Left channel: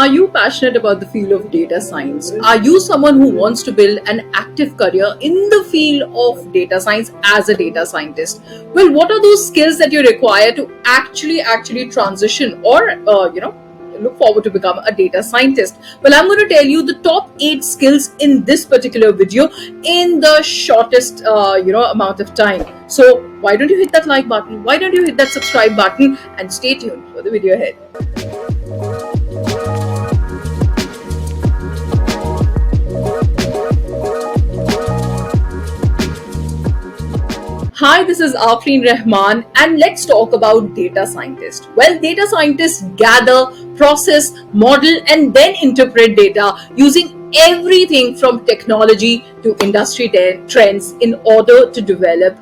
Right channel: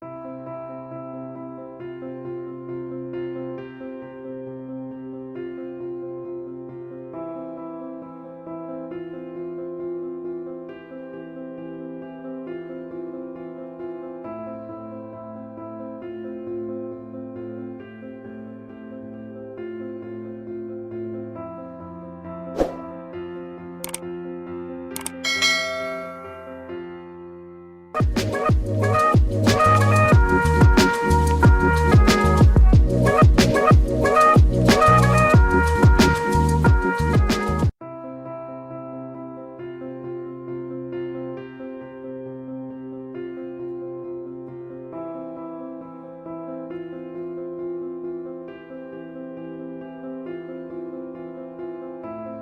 Are you passionate about the field of data science? Are you someone who wants to build an active career in the field of data science as a data scientist? Well, what are those skills that you require to actually transition or look forward to become a data scientist? Well, I'm going to tell you the top 8 skills in this particular video in the shortest amount of time. So why don't you hit that like button? Why don't you hit that subscribe button and stay tuned for the video ahead? Hi, this is Afreen Rahman and let's talk about data scientists. Well, data scientists gather, process, model and then interpret data using everything from technology to industry trends in order to develop,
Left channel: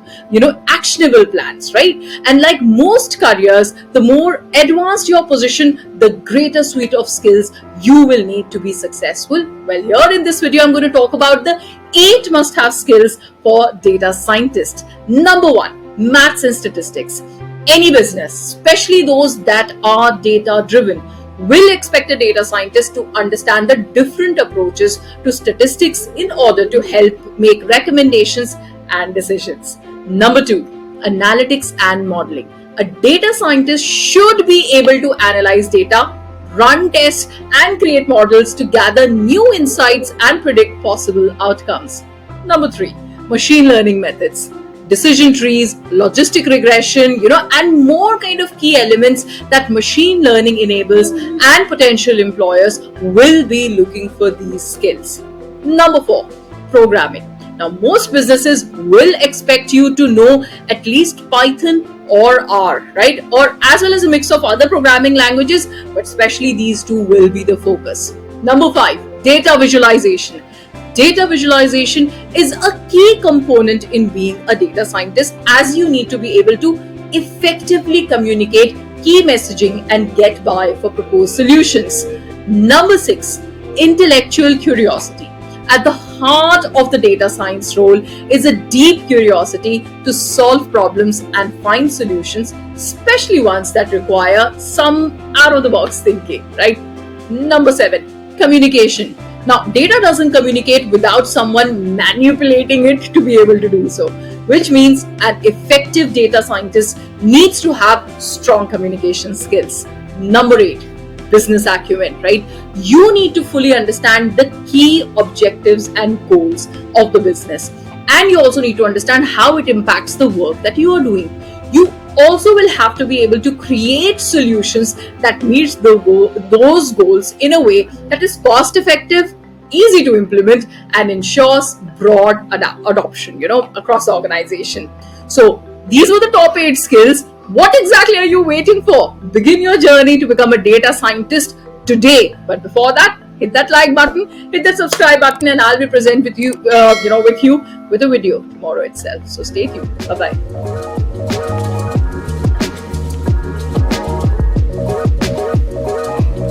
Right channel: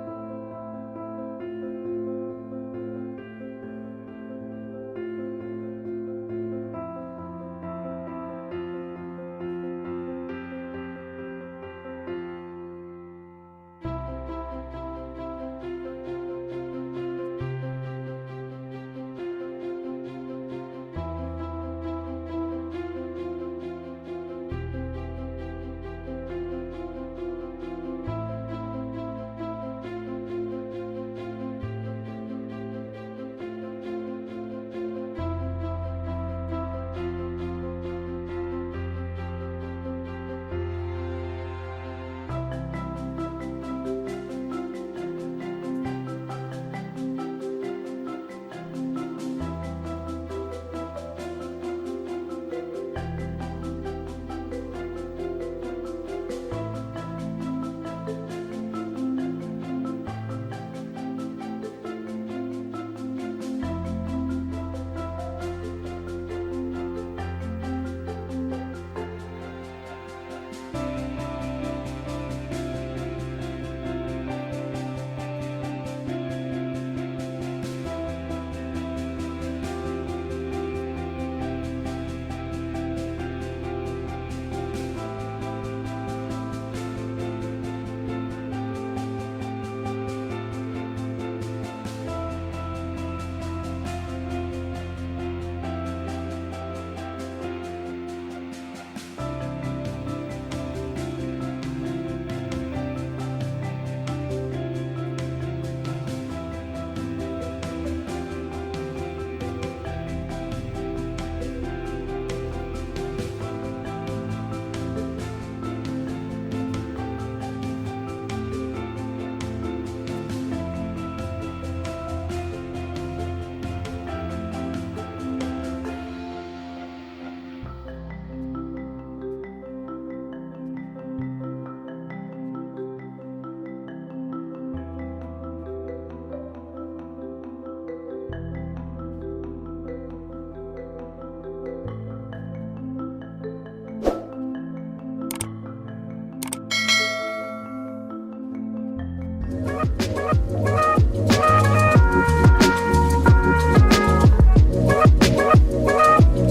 actionable plans, right? And like most careers, the more advanced your position, the greater suite of skills you will need to be successful. Well, here in this video, I'm going to talk about the 8 must-have skills for data scientists. Number 1, maths and statistics. Any business, especially those that are data-driven, will expect a data scientist to understand the different approaches to statistics in order to help make recommendations and decisions. Number 2, analytics and modeling. A data scientist should be able to analyze data, run tests, and create models to gather new insights and predict possible outcomes. Number 3, machine learning methods. Decision trees, logistic regression, and more kind of key elements that machine learning enables, and potential employers will be looking for these skills. Number 4, programming. Now, most businesses will expect you to know at least Python or R, right? Or as well as a mix of other programming languages, but especially these two will be the focus. Number 5, data visualization. Data visualization is a key component in being a data scientist, as you need to be able to effectively communicate key messaging and get buy for proposed solutions. Number 6, intellectual curiosity. At the heart of the data science role is a deep curiosity to solve problems and find solutions, especially ones that require some out-of-the-box thinking, right? Number 7, communication. Now, data doesn't communicate without someone manipulating it to be able to do so, which means an effective data scientist needs to have strong communication skills. Number 8, business acumen, right? You need to fully understand the key objectives and goals of the business. And you also need to understand how it impacts the work that you are doing. You also will have to be able to create solutions that meets those goals in a way that is cost effective, easy to implement, and ensures broad adoption, across the organization. So these were the top 8 skills. What exactly are you waiting for? Begin your journey to become a data scientist today. But before that, hit that like button, hit that subscribe button, and I'll be present with you, with a video tomorrow itself. So stay tuned. Bye-bye.